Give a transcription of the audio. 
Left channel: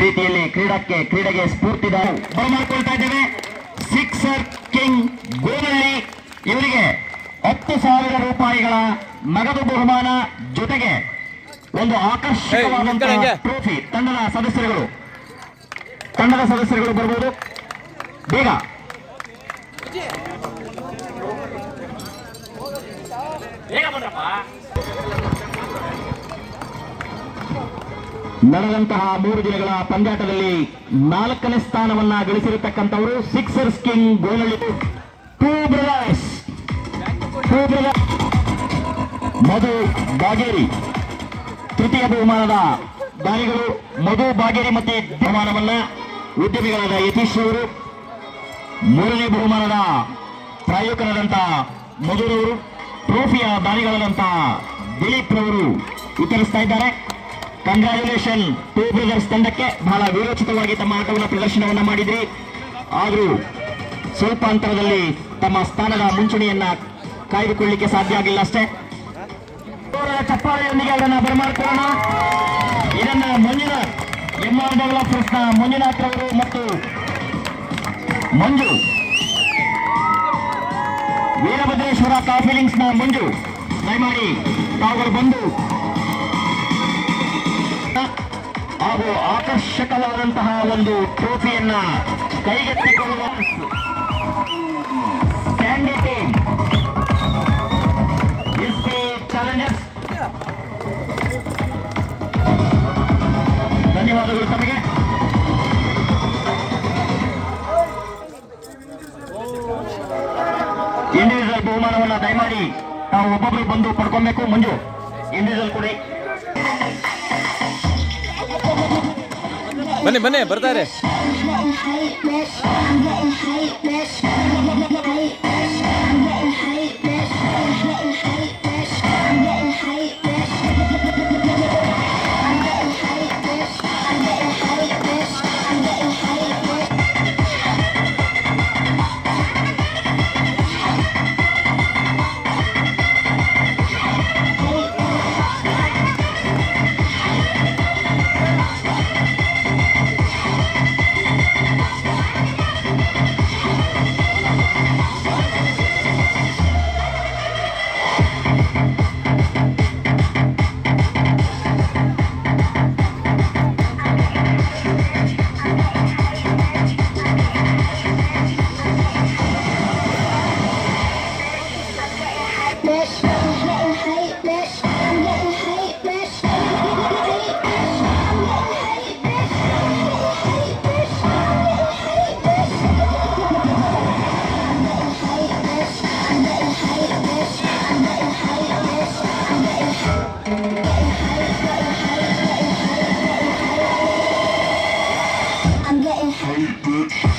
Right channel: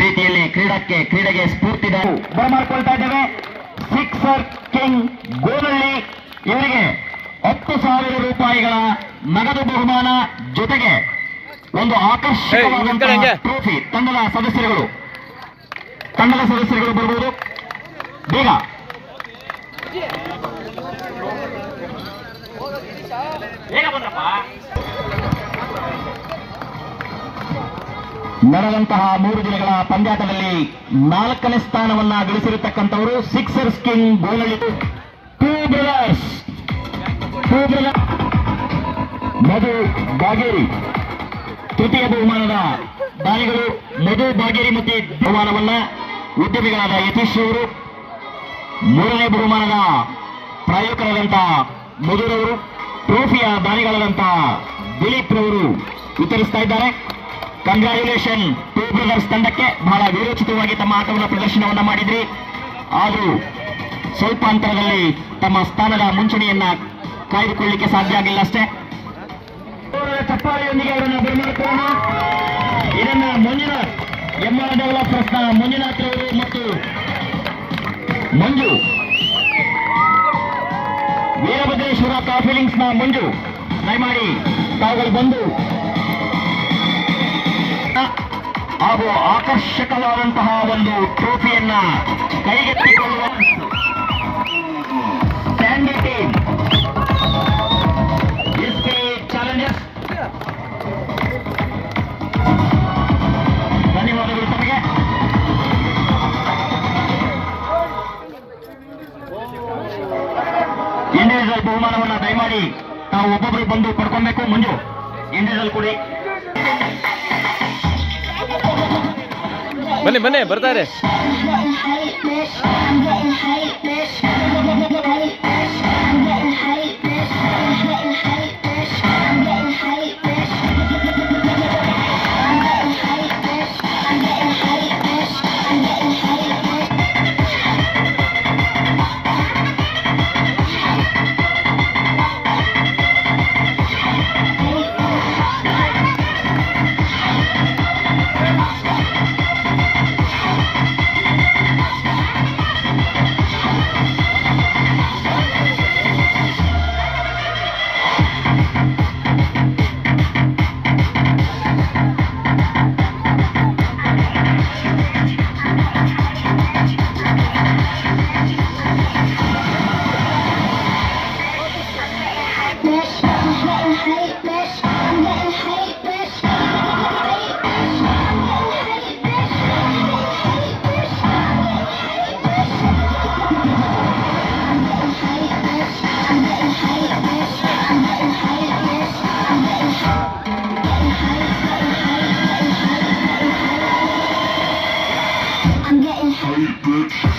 ರೀತಿಯಲ್ಲಿ ಕ್ರೀಡಕ್ಕೆ ಕ್ರೀಡೆಗೆ ಸ್ಫೂರ್ತಿದಾರು ಬರಮಾಡ್ಕೊಳ್ತಾ ಇದ್ದೇವೆ. ಸಿಕ್ಸರ್ ಕಿಂಗ್ ಗೋಲಲ್ಲಿ ಇವರಿಗೆ ಹತ್ತು ಸಾವಿರ ರೂಪಾಯಿಗಳ ನಗದು ಬಹುಮಾನ ಜೊತೆಗೆ ಒಂದು ಹಂಗೆ. ಟ್ರೋಫಿ ತಂಡದ ಸದಸ್ಯರುಗಳು. ತಂಡದ ಸದಸ್ಯರುಗಳು ಬರಬಹುದು ಬೇಗ. ನಡೆದಂತಹ ಮೂರು ದಿನಗಳ ಪಂದ್ಯಾಟದಲ್ಲಿ ನಾಲ್ಕನೇ ಸ್ಥಾನವನ್ನ ಗಳಿಸಿರತಕ್ಕಂಥವರು ಸಿಕ್ಸರ್ಸ್ ಕಿಂಗ್ ಗೋಲಲ್ಲಿ ಟೂ ಬ್ರದರ್ಸ್ ಮಧು ಬಾಗೇರಿ. ತೃತೀಯ ಬಹುಮಾನದ ದಾನಿಗಳು ಮಧು ಬಾಗೇರಿ ಮತ್ತೆ ಬಹುಮಾನವನ್ನ ಉದ್ಯಮಿಗಳಾದ ಯತೀಶ್ ಅವರು ಮೂರನೇ ಬಹುಮಾನದ ಪ್ರಾಯೋಕರಾದಂತಹ ಮಧುರವರು. ಟ್ರೋಫಿಯ ದಾನಿಗಳಾದಂಥ ದಿಲೀಪ್ ರವರು ವಿತರಿಸ್ತಾ ಇದ್ದಾರೆ. ಕಂಗ್ರಾಚುಲೇಷನ್ ಟೂ ಬ್ರದರ್ಸ್ ತಂಡಕ್ಕೆ ಬಹಳ ವಿರೋಚಿತವಾಗಿ ತಮ್ಮ ಆಟವನ್ನು ಪ್ರದರ್ಶನವನ್ನ ಮಾಡಿದ್ರಿ. ಆದರೂ ಸ್ವಲ್ಪ ಅಂತರದಲ್ಲಿ ತಮ್ಮ ಸ್ಥಾನದ ಮುಂಚೂಣಿಯನ್ನ ಕಾಯ್ದುಕೊಳ್ಳಿಕ್ಕೆ ಸಾಧ್ಯ ಆಗಿಲ್ಲ ಅಷ್ಟೇ. ಚಪ್ಪಾಳೆಯೊಂದಿಗೆ ಅವರನ್ನ ಬರಮಾಡಿಕೊಳ್ಳೋಣ. ಇದನ್ನ ಮಂಜುನಾಥ್ ಎಂ ಆರ್ ಡೆವಲಪರ್ಸ್ನ ಮಂಜುನಾಥ್ ಮತ್ತು ಮಂಜು. ವೀರಭದ್ರೇಶ್ವರ ಕಾಫಿಲಿಂಗ್ಸ್ನ ಮಂಜು. ದಯಮಾಡಿ ತಾವುಗಳು ಬಂದು ಹಾಗೂ ಆಕರ್ಷಕವಾದಂತಹ ಒಂದು ಟ್ರೋಫಿಯನ್ನ ಕೈಗೆತ್ತಿಕೊಳ್ಳುವ ಧನ್ಯವಾದಗಳು ಇಂಡಿವಿಜುವಲ್ ಬಹುಮಾನವನ್ನು ದಯಮಾಡಿ ನಾವು ಒಬ್ಬೊಬ್ಬರು ಬಂದು ಪಡ್ಕೊಬೇಕು. ಮಂಜು ಇಂಡಿವಿಜುವಲ್ ಕೊಡಿ. ಬನ್ನಿ ಬನ್ನಿ ಬರ್ತಾರೆ. you.